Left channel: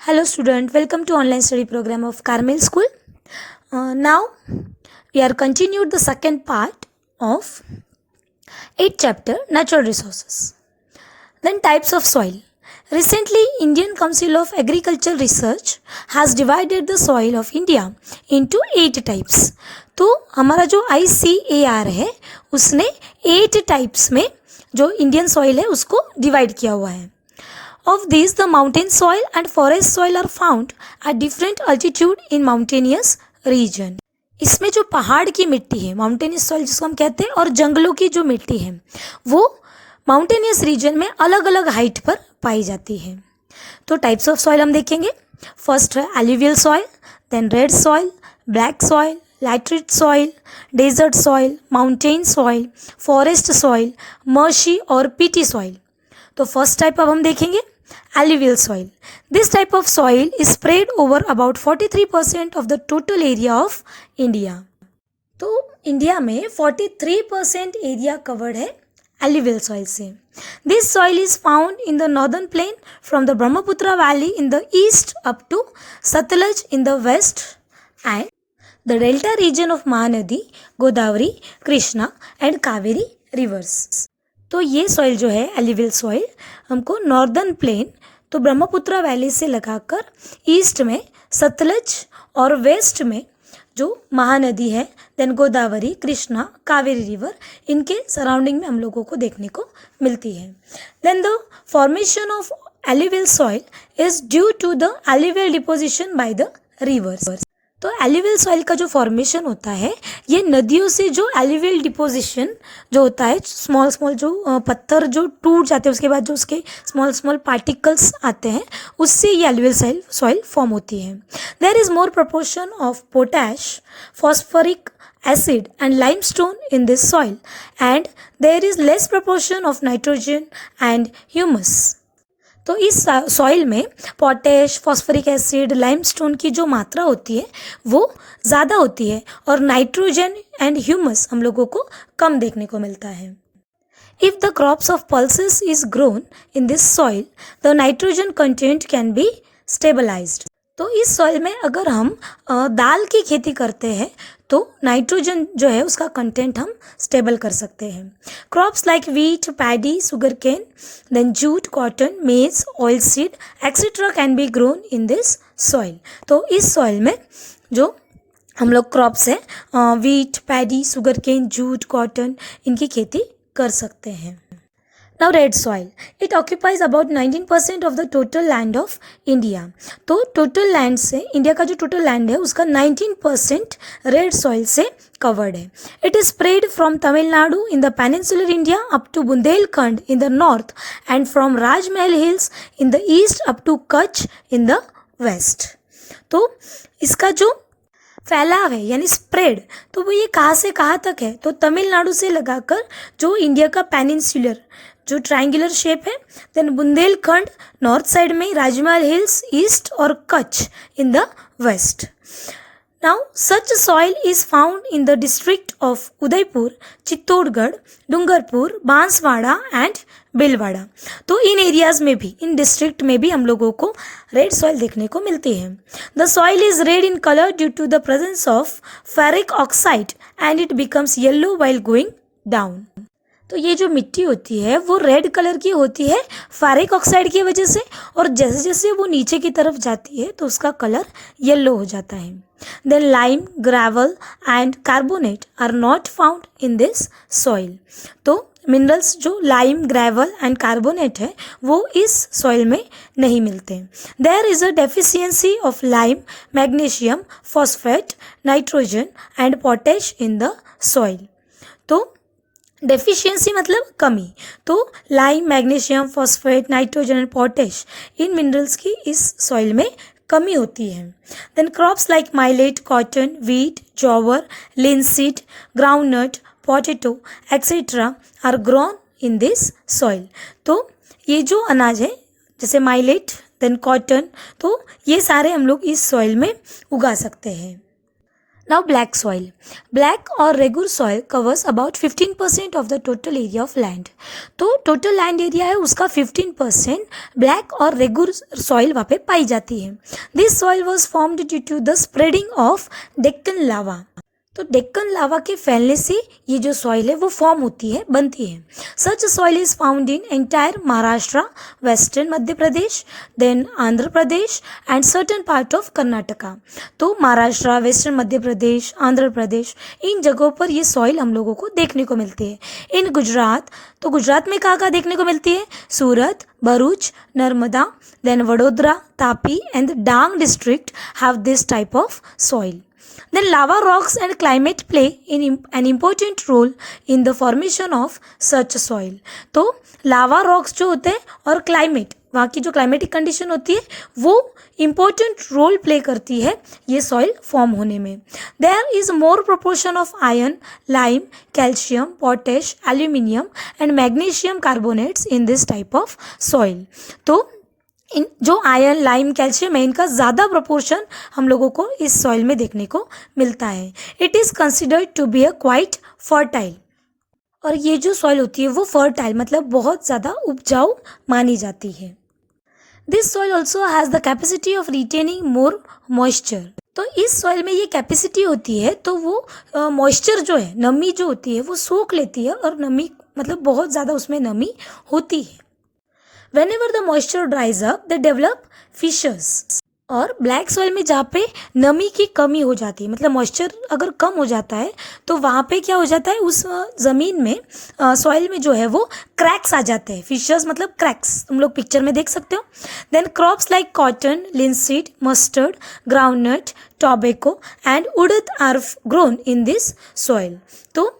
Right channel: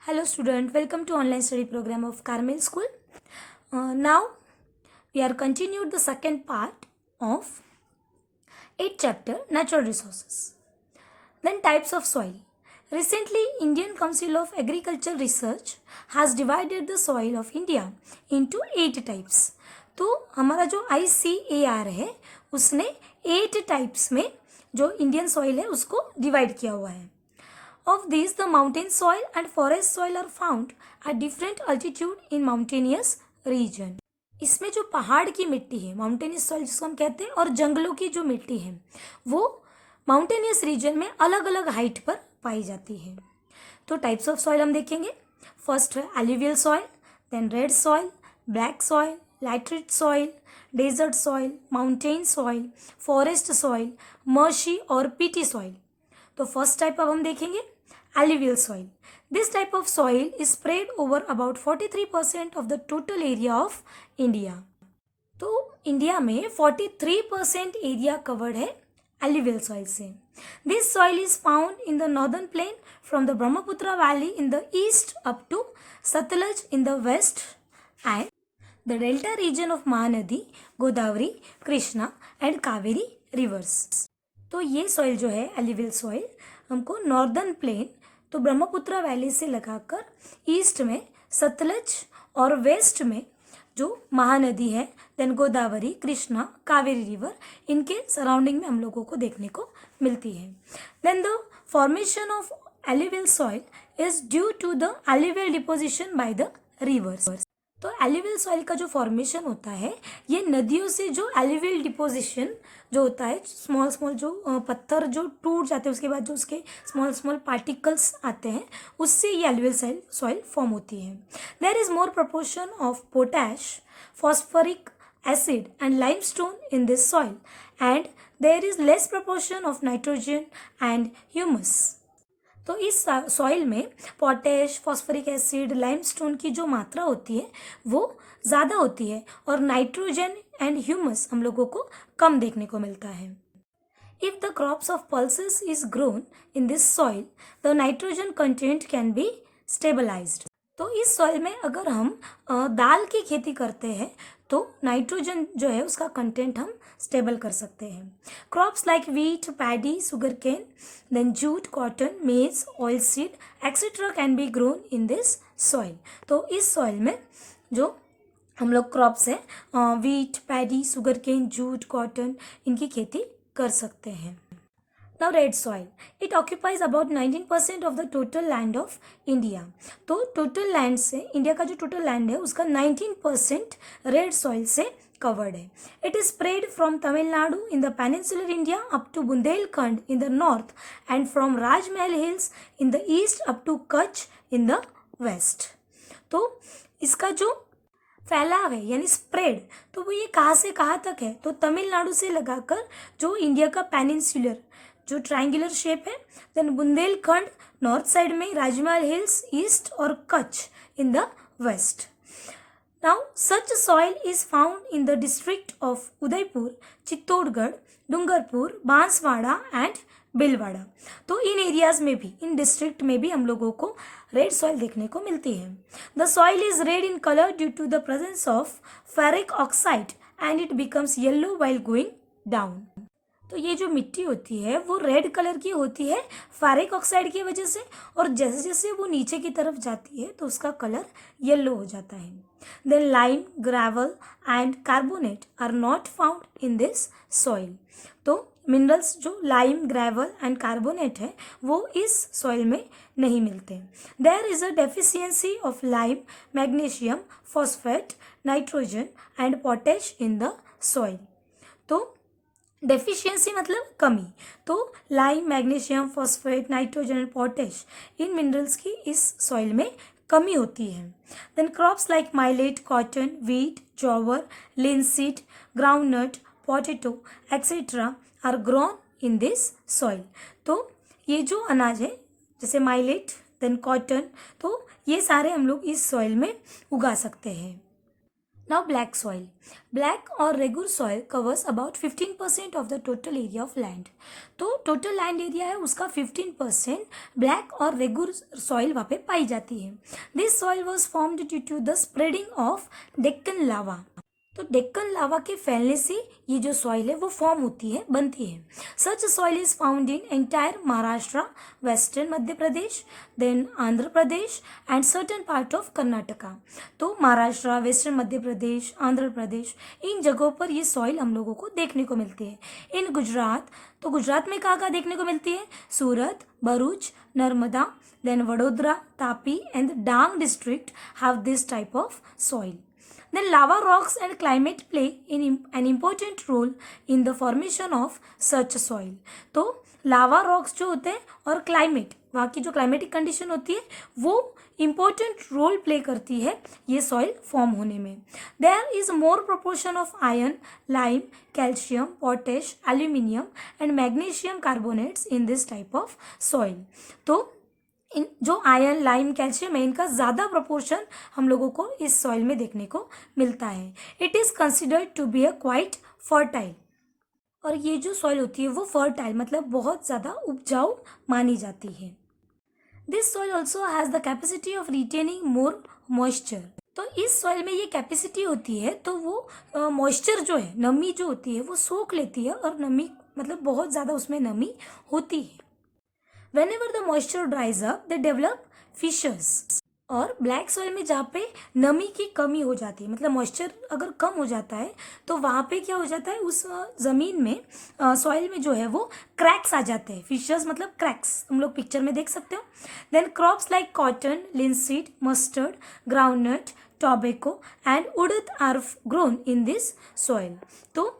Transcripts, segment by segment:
Hello student, welcome to online study program of Carmel School. Now we are continued the second part of 8th chapter Natural Resources. Then types of soil. Recently, Indian Council of Agricultural Research has divided the soil of India into 8 types. तो हमारा जो ICAR है उसने 8 types में जो Indian soil है उसको divide किया हुआ है. Of these, the mountain soil and forest soil are found at different altitude in mountainous region. इसमें जो पहाड़ की मिट्टी है, माउंटेनियस सॉइल जिसको हम कहते हैं, और जंगलों की जो मिट्टी है वो माउंटेनियस रीजन में अलग अलग हाइट पर पाई जाती है. तो टाइप्स ऑफ सॉइल हम देखेंगे. फर्स्ट है alluvial soil, then red soil, black soil, laterite soil, desert soil, mountain soil, forest soil, marshy और पीटी सॉइल. तो फर्स्ट टाइप अब हम देखेंगे alluvial soil. This type of soil is spread over about 43% of the total area of India. तो India में 43% area covered है alluvial soil से. This soil is found in the northern plain from the Brahmaputra valley in the east up to Satluj in the west and the delta region of Mahanadi, Godavari, Krishna and Kaveri rivers. तो ये soil जो है alluvial soil हमको northern plain तो Brahmaputra valley से लगाकर east में सतलज और वेस्ट में जो महानदी है, देन गोदावरी, कृष्णा, कावेरी रिवर, इनके सराउंडिंग में हम लोगों को देखने को मिलती है. Then the formation of alluvial soil is due to the alluvial deposition by the rivers. तो एल्यूवियल सॉइल का जो फॉर्मेशन होता है ये नदियों से जो एल्यूवियल डिपोजिशन जो होता है, स्मॉल स्मॉल जो पत्थर जो टूट जाते हैं उसके बाद जो उसके स्मॉल स्मॉल पार्टिकल्स आते हैं उससे ये एल्यूवियल सॉइल फॉर्म होती है. There is more proportion of potash, phosphoric acid and limestone in this soil and there is less proportion of nitrogen and humus. तो इस सॉइल में पोटैश, फॉस्फोरिक एसिड, लाइमस्टोन की जो मात्रा होती है वो ज़्यादा होती है और नाइट्रोजन एंड ह्यूमस हम लोगों को कम देखने को मिलता है. If the crops of pulses is grown in this soil, the nitrogen content can be stabilized. तो इस सॉइल में अगर हम दाल की खेती करते हैं तो नाइट्रोजन जो है उसका कंटेंट हम स्टेबल कर सकते हैं. Crops like wheat, paddy, sugar cane, then jute, cotton, maize, oil seed etcetera can be grown in this soil. तो इस सॉइल में जो हम लोग क्रॉप्स है wheat, paddy, sugar cane, jute, cotton, इनकी खेती कर सकते हैं. Now red soil. It occupies about 19% of the total land of India. तो total land से इंडिया का जो total land है उसका 19% red soil से covered है. It is spread from Tamil Nadu in the peninsular India up to Bundelkhand in the north and from Rajmahal Hills in the east up to Kutch in the west. तो इसका जो फैलाव है यानी spread तो वो ये कहाँ से कहाँ तक है, तो तमिलनाडु से लगाकर जो इंडिया का पेनिनसुलर जो ट्रायंगुलर शेप है, देन बुंदेलखंड नॉर्थ साइड में, राजमहल हिल्स ईस्ट और Kutch in the west. Now such soil is found in the district of Udaipur, Chittorgarh, Dungarpur, Banswara and बिलवाड़ा. तो इन एरियाज में भी, इन डिस्ट्रिक्ट में भी हम लोगों को रेड सॉइल देखने को मिलती है. The soil is red in colour due to the presence of ferric oxide and it becomes yellow while going down. तो ये जो मिट्टी होती है वो रेड कलर की होती है फेरिक ऑक्साइड की वजह से, और जैसे जैसे वो नीचे की तरफ जाती है तो उसका कलर येलो हो जाता है. Then lime, gravel and carbonate are not found in this soil. तो मिनरल्स जो लाइम, ग्रेवल एंड कार्बोनेट है वो इस सॉइल में नहीं मिलते. There is a deficiency of lime, magnesium, phosphate, nitrogen and potash in the soil. तो deficiency मतलब कमी. तो lime, magnesium, phosphate, nitrogen and potash इन मिनरल्स की इस सॉइल में कमी होती है. Then crops like millet, cotton, wheat, jowar, linseed, groundnut, potato etcetera are grown in this soil. तो ये जो अनाज है जैसे माइलेट, देन कॉटन, तो ये सारे हम लोग इस सॉइल में उगा सकते हैं. Now black soil. Black or regur soil covers about 15% of the total area of land. तो टोटल लैंड एरिया है उसका 15% ब्लैक और रेगुर सॉइल वहाँ पे पाई जाती है. This soil was formed due to the spreading of Deccan lava. तो डेक्कन लावा के फैलने से ये जो सॉइल है वो फॉर्म होती है, बनती है. Such soil is found in entire Maharashtra, western Madhya Pradesh, then Andhra Pradesh and certain part of Karnataka. तो महाराष्ट्र, वेस्टर्न मध्य प्रदेश, आंध्र प्रदेश, इन जगहों पर ये सॉइल हम लोगों को देखने को मिलती है. इन गुजरात, तो गुजरात में कहाँ कहाँ देखने को मिलती है? Surat, Bharuch, Narmada, then Vadodara, Tapi and Dang district have this type of soil. Then lava rocks and climate play an important role in the formation of such soil. तो लावा रॉक्स जो होते हैं और क्लाइमेट, वहाँ की जो क्लाइमेटिक कंडीशन होती है वो इम्पोर्टेंट रोल प्ले करती है ये सॉइल फॉर्म होने में. There is more proportion of iron, lime, calcium, potash, aluminium and magnesium carbonates in this type of soil. तो इन जो आयरन, लाइम, कैल्शियम है इनका ज़्यादा प्रोपोर्शन हम लोगों को इस सॉइल में देखने को मिलता है. It is considered to be a quite fertile. और ये जो सॉइल होती है वो फर्टाइल मतलब बहुत ज़्यादा उपजाऊ मानी जाती है. This soil also has the capacity of retaining more moisture. तो इस सॉइल में ये कैपेसिटी होती है तो वो मॉइस्चर जो है, नमी जो होती है वो सोख लेती है और नमी मतलब बहुत ज़्यादा उसमें नमी होती है. Whenever the moisture dries up, they develop fissures. और ब्लैक सॉइल में जहाँ पे नमी की कमी हो जाती है, मतलब मॉइस्चर अगर कम हो जाता है तो वहाँ पे क्या हो जाता है, उस ज़मीन में सॉइल में जो है वो क्रैक्स आ जाते हैं. फिशर्स मतलब क्रैक्स, तुम लोग पिक्चर में देख सकते हो. Then crops like cotton, linseed, mustard, groundnut, tobacco and urad are grown in this soil. तो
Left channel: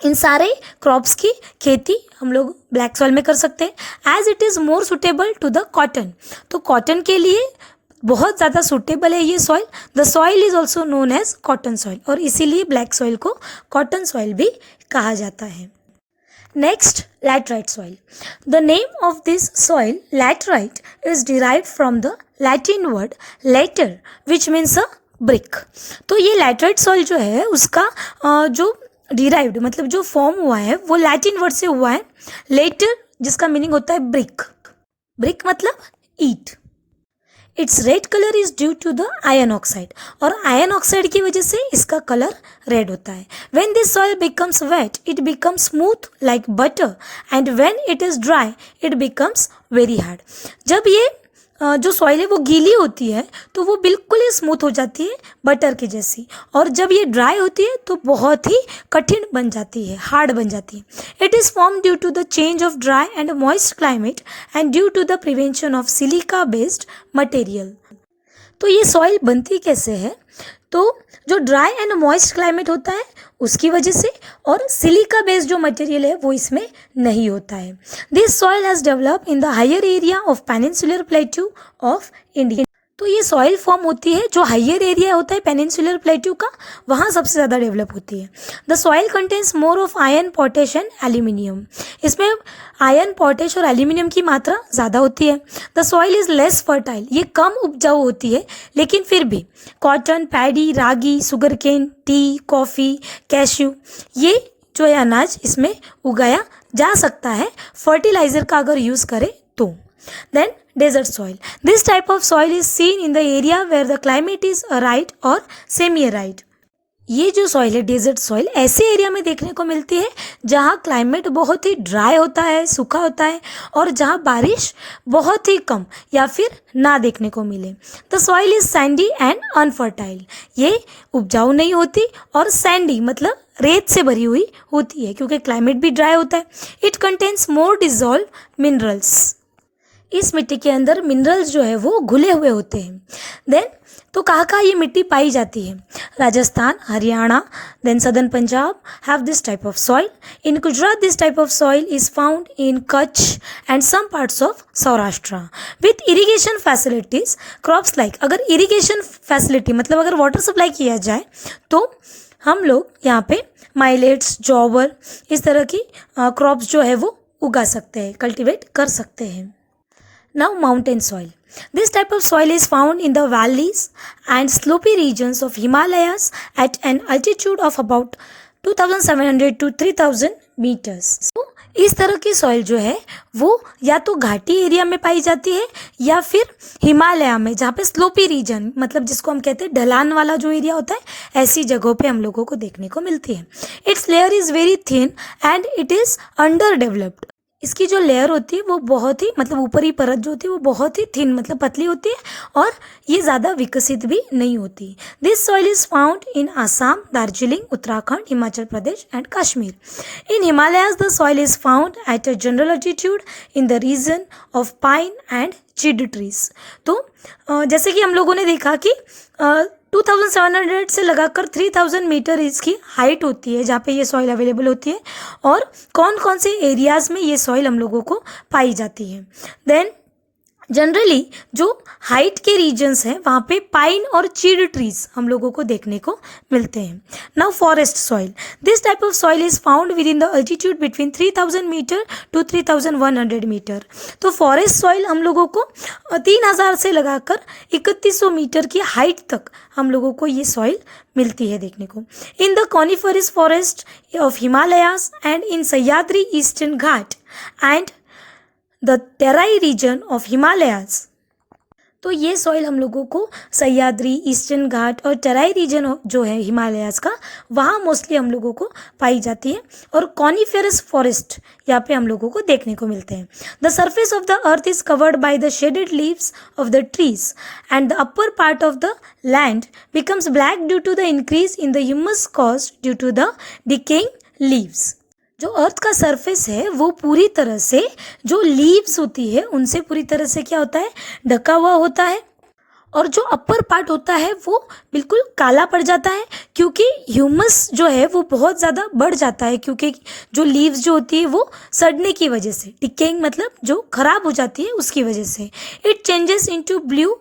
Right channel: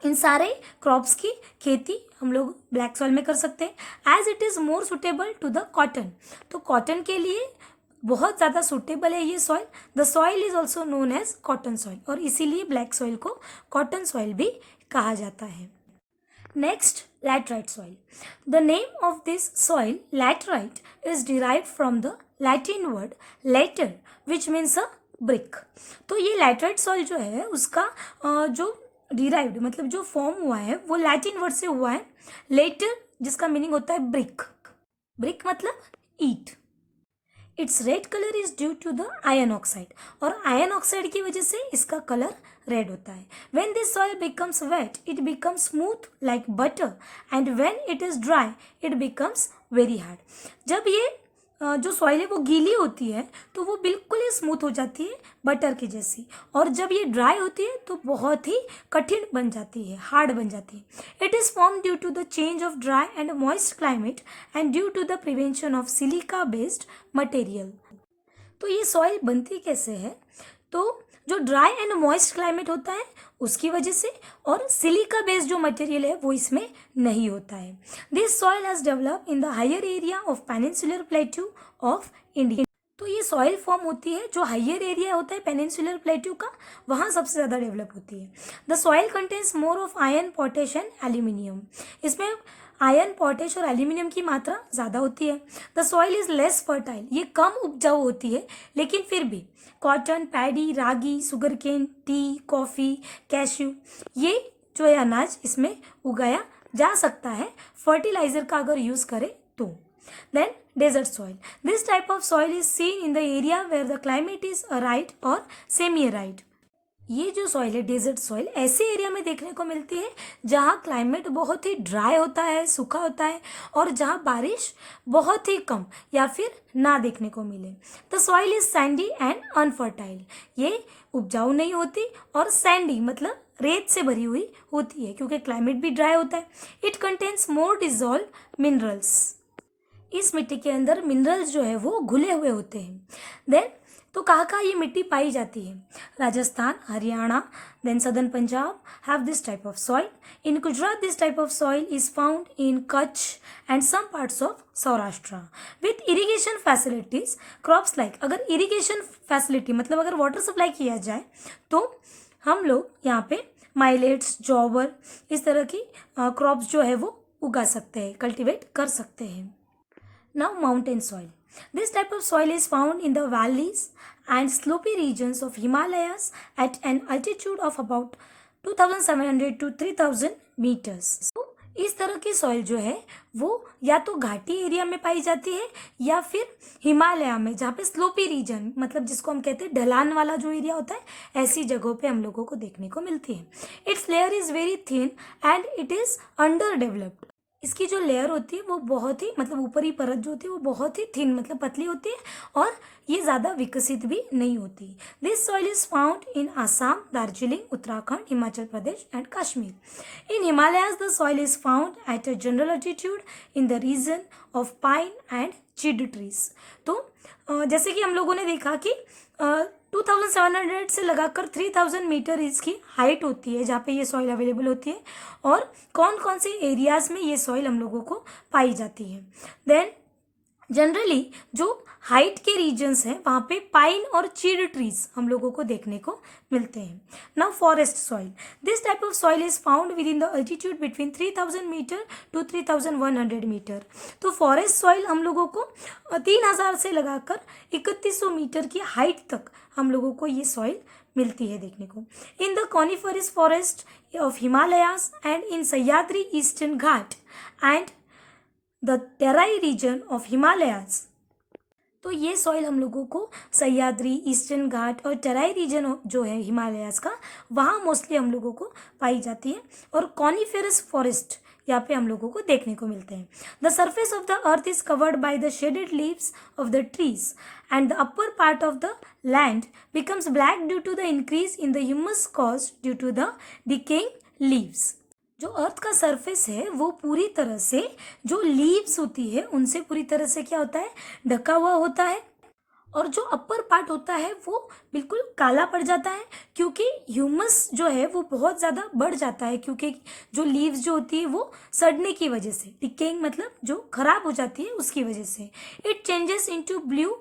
इन सारे क्रॉप्स की खेती हम लोग ब्लैक सॉइल में कर सकते हैं. As it is more suitable to the cotton. तो कॉटन के लिए बहुत ज़्यादा सुटेबल है ये soil. The soil is also known as cotton soil और इसीलिए ब्लैक सॉइल को कॉटन सॉइल भी कहा जाता है. Next, laterite soil. The name of this soil laterite is derived from the Latin word later which means a brick. तो ये laterite soil जो है उसका जो डिराइव्ड मतलब जो फॉर्म हुआ है वो लैटिन वर्ड से हुआ है. लेटर जिसका मीनिंग होता है ब्रिक. ब्रिक मतलब ईट. Its red colour is due to the iron oxide. और आयरन ऑक्साइड की वजह से इसका कलर रेड होता है. When this soil becomes wet it becomes smooth like butter and when it is dry it becomes very hard. जब ये जो सॉइल है वो गीली होती है तो वो बिल्कुल ही स्मूथ हो जाती है बटर की जैसी, और जब ये ड्राई होती है तो बहुत ही कठिन बन जाती है, हार्ड बन जाती है. It is form due to the change of dry and moist climate and due to the prevention of silica based material. तो ये सॉइल बनती कैसे है? तो जो ड्राई एंड मॉइस्ट क्लाइमेट होता है उसकी वजह से, और सिलिका बेस्ड जो मटेरियल है वो इसमें नहीं होता है. This soil has develop in the higher area of peninsular plateau of India. तो ये सॉइल फॉर्म होती है जो हायर एरिया होता है पेनिनसुलर प्लेट्यू का, वहाँ सबसे ज़्यादा डेवलप होती है. The soil contains more of iron, potash and aluminium. इसमें आयरन, पोटेश और एल्यूमिनियम की मात्रा ज़्यादा होती है. The soil is less fertile. ये कम उपजाऊ होती है लेकिन फिर भी cotton, paddy, ragi, sugar cane, tea, coffee, cashew ये जो है अनाज इसमें उगाया जा सकता है फर्टिलाइज़र का अगर यूज़ करें तो. Then desert soil. This type of soil is seen in the area where the climate is arid or semi-arid. ये जो सॉइल है डेजर्ट सॉइल ऐसे एरिया में देखने को मिलती है जहाँ क्लाइमेट बहुत ही ड्राई होता है, सूखा होता है, और जहाँ बारिश बहुत ही कम या फिर ना देखने को मिले. The soil is Sandy and unfertile. ये उपजाऊ नहीं होती और सैंडी मतलब रेत से भरी हुई होती है क्योंकि क्लाइमेट भी ड्राई होता है. It contains more dissolve minerals. इस मिट्टी के अंदर मिनरल्स जो है वो घुले हुए होते हैं. देन तो कहाँ कहाँ ये मिट्टी पाई जाती है? Rajasthan, Haryana, then southern Punjab have this type of soil. In Gujarat this type of soil is found in Kutch and some parts of Saurashtra. With irrigation facilities crops like, अगर इरीगेशन फैसिलिटी मतलब अगर वाटर सप्लाई किया जाए तो हम लोग यहाँ पे माइलेट्स, जॉवर इस तरह की क्रॉप्स जो है वो उगा सकते हैं, कल्टिवेट कर सकते हैं. Now mountain soil. This type of soil is found in the valleys and slopy regions of Himalayas at an altitude of about 2700 to 3000 meters. तो इस तरह की सॉइल जो है वो या तो घाटी एरिया में पाई जाती है या फिर हिमालय में, जहाँ पे स्लोपी रीजन मतलब जिसको हम कहते हैं ढलान वाला जो एरिया होता है, ऐसी जगहों पे हम लोगों को देखने को मिलती है. It's layer is very thin and it is under developed. इसकी जो लेयर होती है वो बहुत ही मतलब ऊपरी परत जो होती है वो बहुत ही थिन मतलब पतली होती है और ये ज़्यादा विकसित भी नहीं होती. This soil is found in Assam, Darjeeling, Uttarakhand, Himachal Pradesh and Kashmir. In Himalayas the soil is found at a general altitude in the region of pine and chir trees. तो जैसे कि हम लोगों ने देखा कि 2700 से लगाकर 3000 मीटर इसकी हाइट होती है जहाँ पे ये सॉइल अवेलेबल होती है, और कौन कौन से एरियाज़ में ये सॉइल हम लोगों को पाई जाती है. देन जनरली जो हाइट के रीजन्स हैं वहाँ पे पाइन और चीड ट्रीज हम लोगों को देखने को मिलते हैं. Now forest soil. This type of soil is found within the altitude between 3000 metre to 3100 metre. तो फॉरेस्ट सॉइल हम लोगों को 3000 से लगाकर 3100 मीटर की हाइट तक हम लोगों को ये सॉइल मिलती है देखने को. In the coniferous forest of Himalayas and in Sahyadri eastern Ghat and the Terai region of Himalayas. तो ये सॉइल हम लोगों को सह्याद्री, ईस्टर्न घाट और टेराई रीजन जो है हिमालयाज का, वहाँ मोस्टली हम लोगों को पाई जाती है. और कॉनिफेरस फॉरेस्ट यहाँ पे हम लोगों को देखने को मिलते हैं. The surface of the earth is covered by the shaded leaves of the trees and the upper part of the land becomes black due to the increase in the humus cost due to the decaying leaves. जो earth का surface है वो पूरी तरह से जो leaves होती है उनसे पूरी तरह से क्या होता है, ढका हुआ होता है. और जो अपर पार्ट होता है वो बिल्कुल काला पड़ जाता है क्योंकि ह्यूमस जो है वो बहुत ज़्यादा बढ़ जाता है, क्योंकि जो लीव्स जो होती है वो सड़ने की वजह से, डिकेइंग मतलब जो खराब हो जाती है उसकी वजह से. इट चेंजेस इनटू ब्लू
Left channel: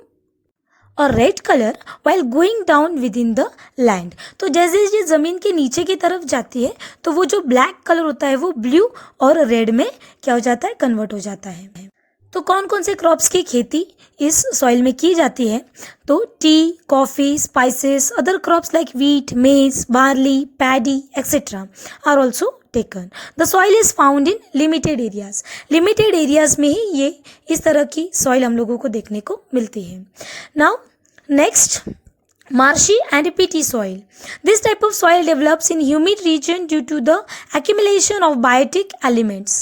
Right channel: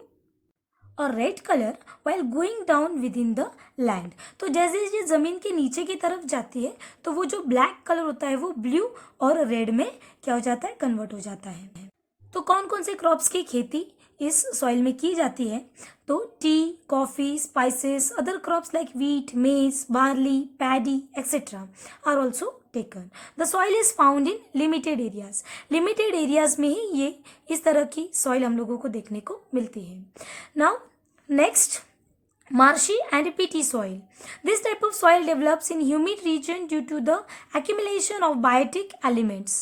और red colour while going down with in the land. तो जैसे ये ज़मीन के नीचे की तरफ जाती है तो वो जो ब्लैक कलर होता है वो ब्लू और रेड में क्या हो जाता है, कन्वर्ट हो जाता है. तो कौन कौन से क्रॉप्स की खेती इस सॉइल में की जाती है? तो tea, coffee, spices, other crops like wheat, maize, barley, paddy etcetera are also taken. The soil is found in limited areas. Limited areas में ही ये इस तरह की सॉइल हम लोगों को देखने को मिलती है. Now next, marshy and peaty soil. This type of soil develops in humid region due to the accumulation of biotic elements.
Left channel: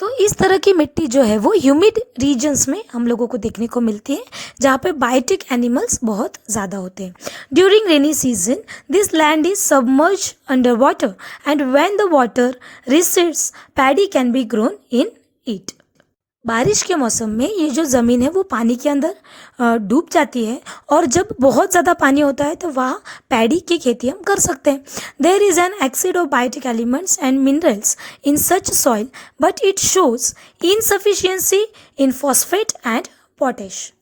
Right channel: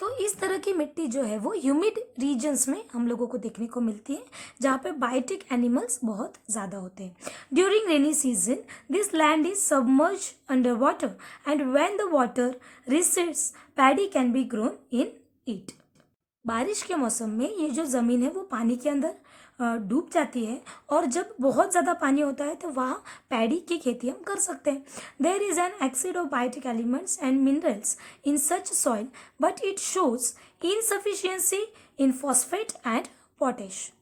तो इस तरह की मिट्टी जो है वो ह्यूमिड रीजन्स में हम लोगों को देखने को मिलती है जहाँ पे बायोटिक एनिमल्स बहुत ज़्यादा होते हैं. During rainy season this land is submerge under water and when the water recedes paddy can be grown in it. बारिश के मौसम में ये जो ज़मीन है वो पानी के अंदर डूब जाती है और जब बहुत ज़्यादा पानी होता है तो वहाँ पैडी की खेती हम कर सकते हैं. There is an exceed of biotic elements and minerals in such soil but it shows insufficiency in phosphate and potash.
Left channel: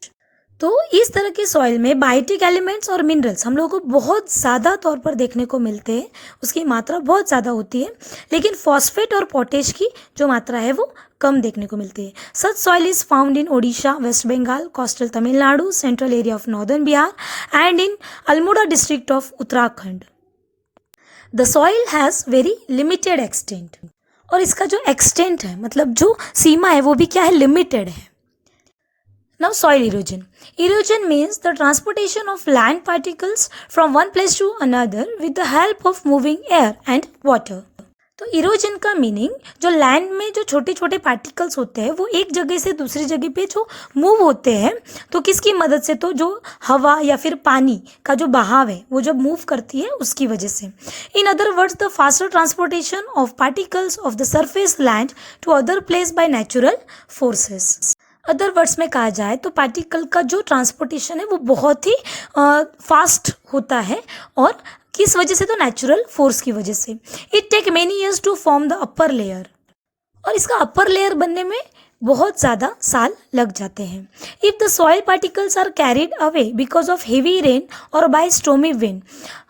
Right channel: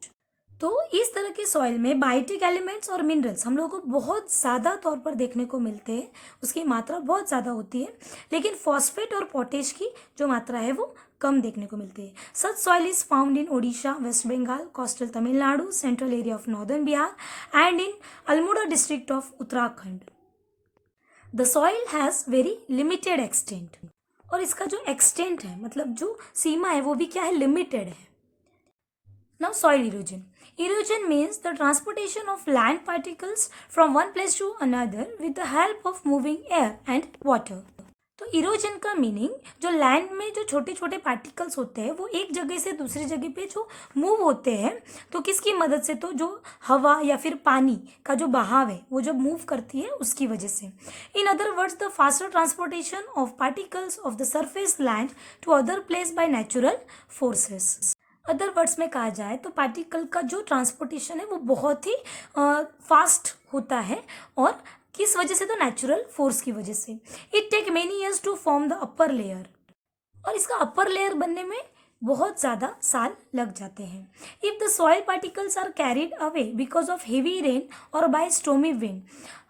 तो इस तरह के सॉइल में बायोटिक एलिमेंट्स और मिनरल्स हम लोगों को बहुत ज़्यादा तौर पर देखने को मिलते हैं, उसकी मात्रा बहुत ज़्यादा होती है, लेकिन फॉस्फेट और पोटेश की जो मात्रा है वो कम देखने को मिलती है. Such soil is found in Odisha, west Bengal, coastal Tamil Nadu, central area of northern Bihar and in Almora district of Uttarakhand. The soil has very limited extent. और इसका जो एक्सटेंट है मतलब जो सीमा है वो भी क्या है, लिमिटेड है. Now soil erosion. Erosion means the transportation of land particles from one place to another with the help of moving air and water. तो इरोजन का मीनिंग जो लैंड में जो छोटे छोटे पार्टिकल्स होते हैं वो एक जगह से दूसरी जगह पे जो मूव होते हैं तो किसकी मदद से, तो जो हवा या फिर पानी का जो बहाव है वो जब मूव करती है उसकी वजह से. In other words the faster transportation of particles of the surface land to other place by natural forces. Other words में कहा जाए तो पार्टिकल का जो ट्रांसपोर्टेशन है वो बहुत ही फास्ट होता है, और किस वजह से, तो नेचुरल फोर्स की वजह से. It take many years to form the upper layer. और इसका अपर लेयर बनने में बहुत ज़्यादा साल लग जाते हैं। If the soil particles are carried away because of heavy rain और बाय स्टॉर्मी विंड,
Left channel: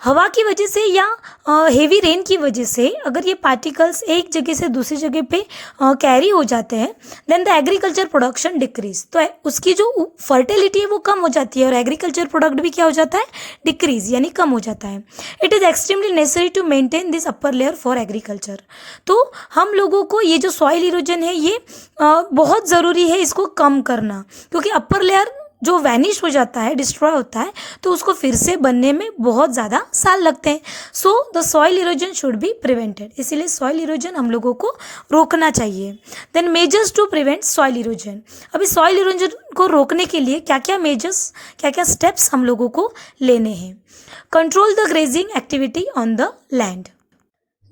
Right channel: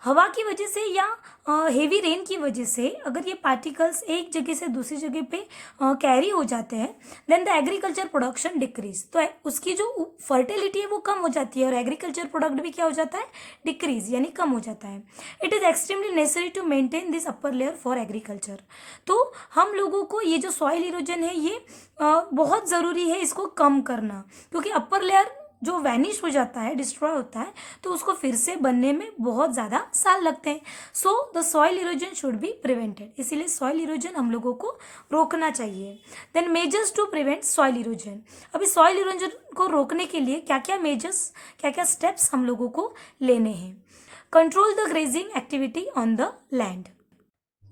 हवा की वजह से या हेवी रेन की वजह से अगर ये पार्टिकल्स एक जगह से दूसरी जगह पे कैरी हो जाते हैं, then the agriculture production decrease, तो उसकी जो फर्टिलिटी है वो कम हो जाती है और एग्रीकल्चर प्रोडक्ट भी क्या हो जाता है, डिक्रीज यानी कम हो जाता है। It is extremely necessary to maintain this upper layer for agriculture. तो हम लोगों को ये जो सॉइल इरोजन है ये बहुत ज़रूरी है इसको कम करना, क्योंकि अपर लेयर जो वैनिश हो जाता है, डिस्ट्रॉय होता है, तो उसको फिर से बनने में बहुत ज़्यादा साल लगते हैं। So the soil erosion should be prevented, इसीलिए सॉइल इरोजन हम लोगों को रोकना चाहिए। Then measures to prevent soil erosion, अभी सॉइल इरोजन को रोकने के लिए क्या क्या मेजर्स, क्या क्या स्टेप्स हम लोगों को लेने हैं। Control the grazing activity on the land,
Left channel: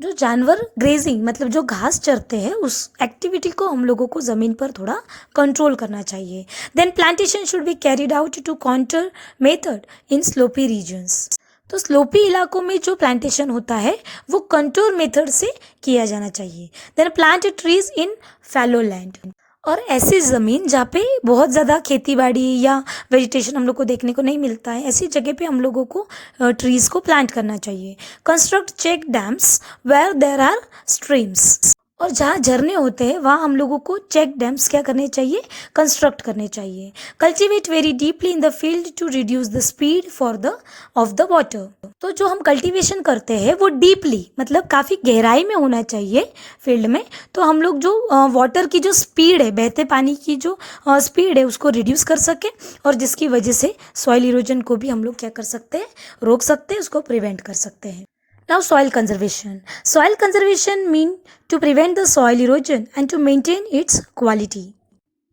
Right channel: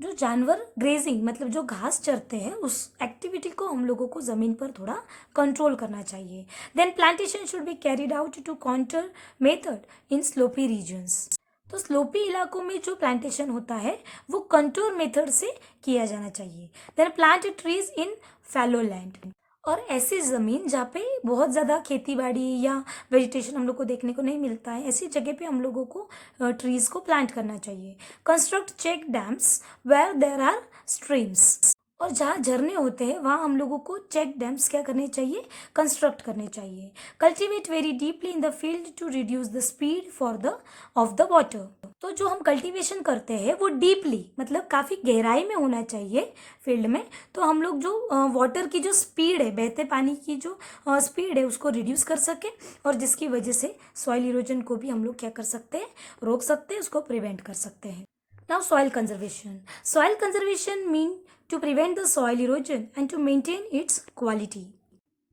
जो जानवर ग्रेजिंग मतलब जो घास चरते हैं उस एक्टिविटी को हम लोगों को ज़मीन पर थोड़ा कंट्रोल करना चाहिए। Then plantation should be carried out to counter method in slopy regions, तो स्लोपी इलाकों में जो प्लांटेशन होता है वो कंटूर मेथड से किया जाना चाहिए। Then plant trees in fallow land, और ऐसी ज़मीन जहाँ पे बहुत ज़्यादा खेती बाड़ी या वेजिटेशन हम लोग को देखने को नहीं मिलता है, ऐसी जगह पे हम लोगों को ट्रीज़ को प्लांट करना चाहिए। Construct check dams where there are streams, और जहाँ झरने होते हैं वहाँ हम लोगों को चेक डैम्स क्या करने चाहिए, कंस्ट्रक्ट करने चाहिए। Cultivate very deeply in the field to reduce the speed for the of the water, तो जो हम कल्टीवेशन करते हैं वो डीपली मतलब काफ़ी गहराई में होना चाहिए फील्ड में, तो हम लोग जो वाटर की जो स्पीड है, बहते पानी की जो स्पीड है उसको रिड्यूस कर सके, और जिसकी वजह से सॉइल इरोजन को भी हम लोग क्या कर सकते हैं, रोक सकते हैं, उसको प्रिवेंट कर सकते हैं। Now soil conservation. Soil conservation mean to prevent the soil erosion and to maintain its quality.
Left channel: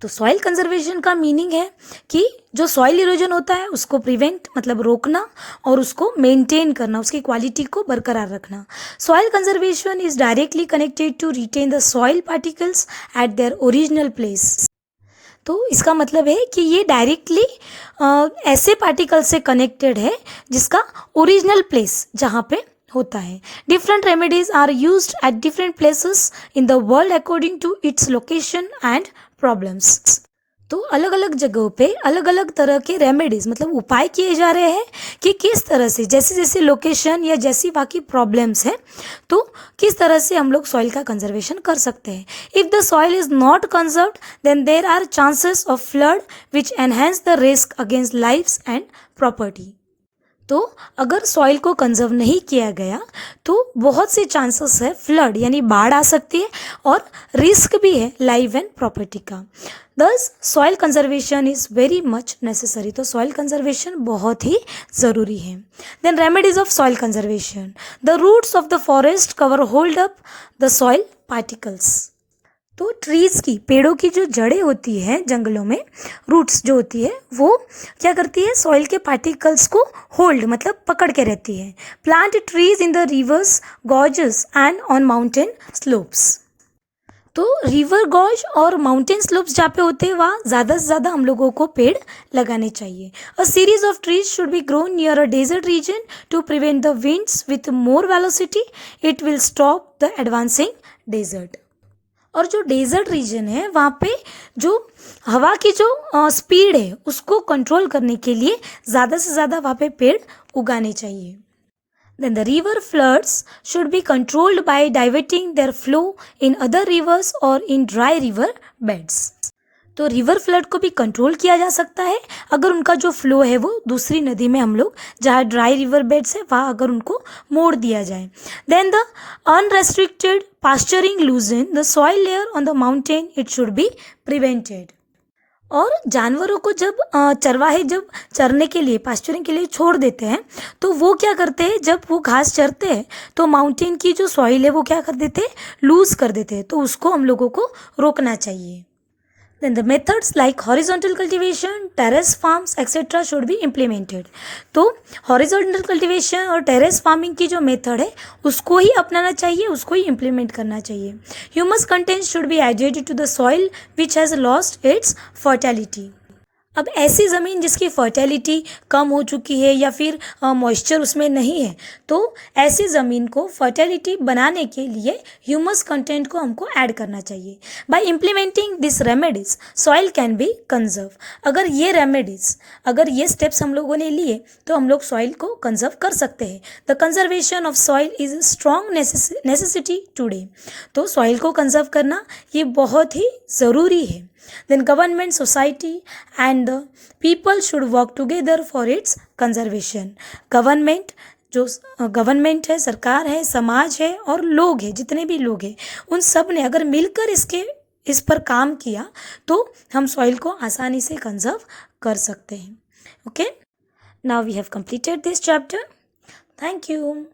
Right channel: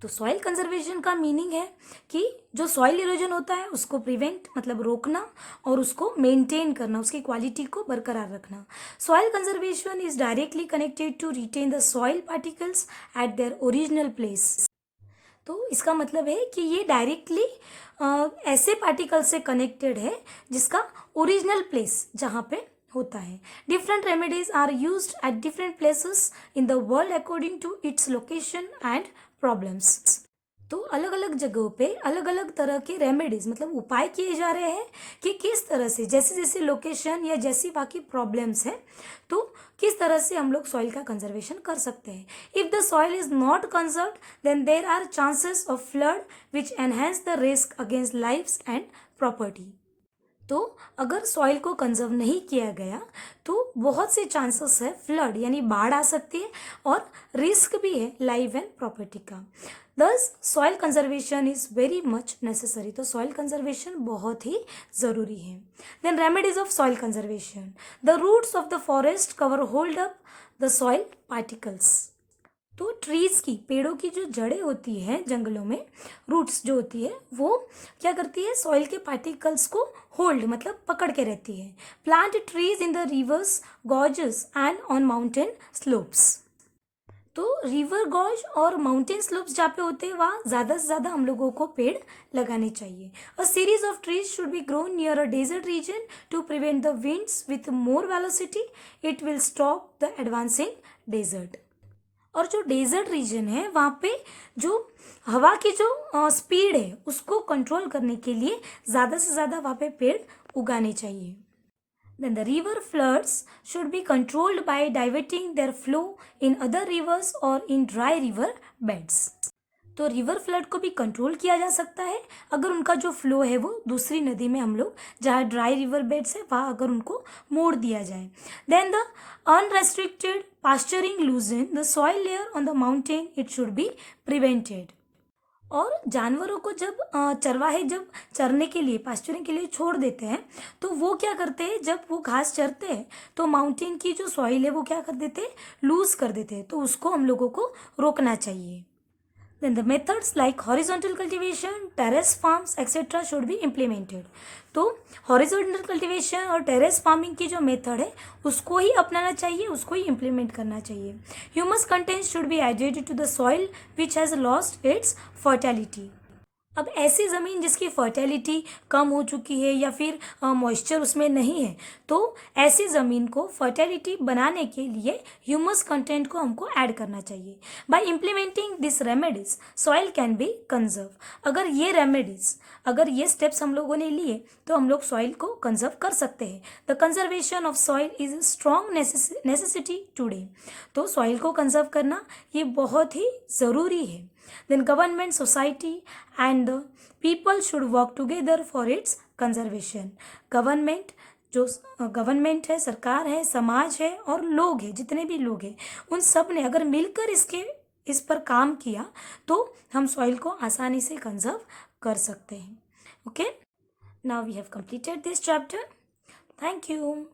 तो सॉइल कंजर्वेशन का मीनिंग है कि जो सॉइल इरोजन होता है उसको प्रिवेंट मतलब रोकना और उसको मेंटेन करना, उसकी क्वालिटी को बरकरार रखना। Soil conservation is directly connected to retain the soil particles at their original place, तो इसका मतलब है कि ये डायरेक्टली ऐसे पार्टिकल से कनेक्टेड है जिसका ओरिजिनल प्लेस जहाँ पे होता है। Different remedies are used at different places in the world according to its location and problems, तो अलग अलग जगहों पे अलग अलग तरह के रेमेडीज मतलब उपाय किए जा रहे हैं कि किस तरह से जैसे जैसे लोकेशन या जैसी बाकी प्रॉब्लम्स हैं तो किस तरह से हम लोग सॉइल का कंजर्वेशन कर सकते हैं। If the soil is not conserved then there are chances of flood which enhance the risk against lifes and property, तो अगर सॉइल को कंजर्व नहीं किया गया तो बहुत से चांसेस है फ्लड यानी बाढ़ आ सकती है और रिस्क भी है लाइफ एंड प्रॉपर्टी का। Thus soil conservation is very much necessary, तो सॉइल कंजर्वेशन बहुत ही ज़रूरी है। Then remedies of soil conservation, the roots of the forest cover hold up the soil particles, तो ट्रीज़ की पेड़ों की जो जड़ें होती हैं जंगलों में, रूट्स जो होती है वो क्या करती है, सॉइल के पार्टिकल्स को होल्ड मतलब पकड़ के रहती है। Plant trees in the reverse gorges and on mountain slopes, तो रिवर गॉज और माउंटेन स्लोप्स जहाँ पे होते हैं वहाँ ज़्यादा से ज़्यादा हम लोगों को पेड़ लगाने चाहिए। A series of trees should be grown near a desert region to prevent the winds with more velocity, it will stop the advancing desert, और जो डेजर्ट रीजन है वहाँ पे जो हवा की जो स्पीड है उसको कंट्रोल करने के लिए ज़्यादा से ज़्यादा वहाँ पे पेड़ उगाने चाहिए। Then the river floods should be controlled by diverting their flow in other rivers और इन ड्राई रिवर बेड्स, तो रिवर फ्लड को भी कंट्रोल किया जा सकता है अगर उनका जो फ्लो है वो दूसरी नदी में हम लोग जहाँ ड्राई रिवर बेड्स है वहाँ अगर उनको मोड़ दिया जाए। Then the unrestricted pasturing loosen the soil layer on the mountain, it should be prevented, और जानवरों को जब चरवाहे जब चरने के लिए पास्चरिंग के लिए छोड़ देते हैं तो वो क्या करते हैं, जब वो घास चरते हैं तो माउंटेन की जो सॉइल है वो क्या कर देते हैं, लूज कर देते हैं, तो उसको हम लोगों को रोकना चाहिए। Then the methods like horizontal cultivation, terrace farms, etc. should be implemented. तो horizontal cultivation और terrace farming की जो मेथड है उसको ही अपनाना चाहिए, उसको ही implement करना चाहिए। Humus content should be added to the soil which has lost its fertility. अब ऐसी ज़मीन जिसकी फर्टिलिटी कम हो चुकी है या फिर मॉइस्चर उसमें नहीं है, तो ऐसी ज़मीन को फर्टिलिटी बनाने के लिए ह्यूमस कंटेंट को हमको ऐड करना चाहिए। Bye implementing this remedies soil can be conserve. अगर ये स्टेप्स हम लोगों ने लिए तो हम लोग सॉइल को कंजर्व कर सकते हैं। The conservation of soil is strong necessity today. तो सॉइल को कंजर्व करना ये बहुत ही ज़रूरी है। Then government, society and the people should work together for its conservation. Government है, सरकार है, समाज है और लोग हैं, जितने भी लोग हैं, उन सब ने अगर मिलकर इस पर काम किया तो हम सॉइल को आसानी से कंजर्व कर सकते हैं। Okay, now we have completed this chapter. Thank you.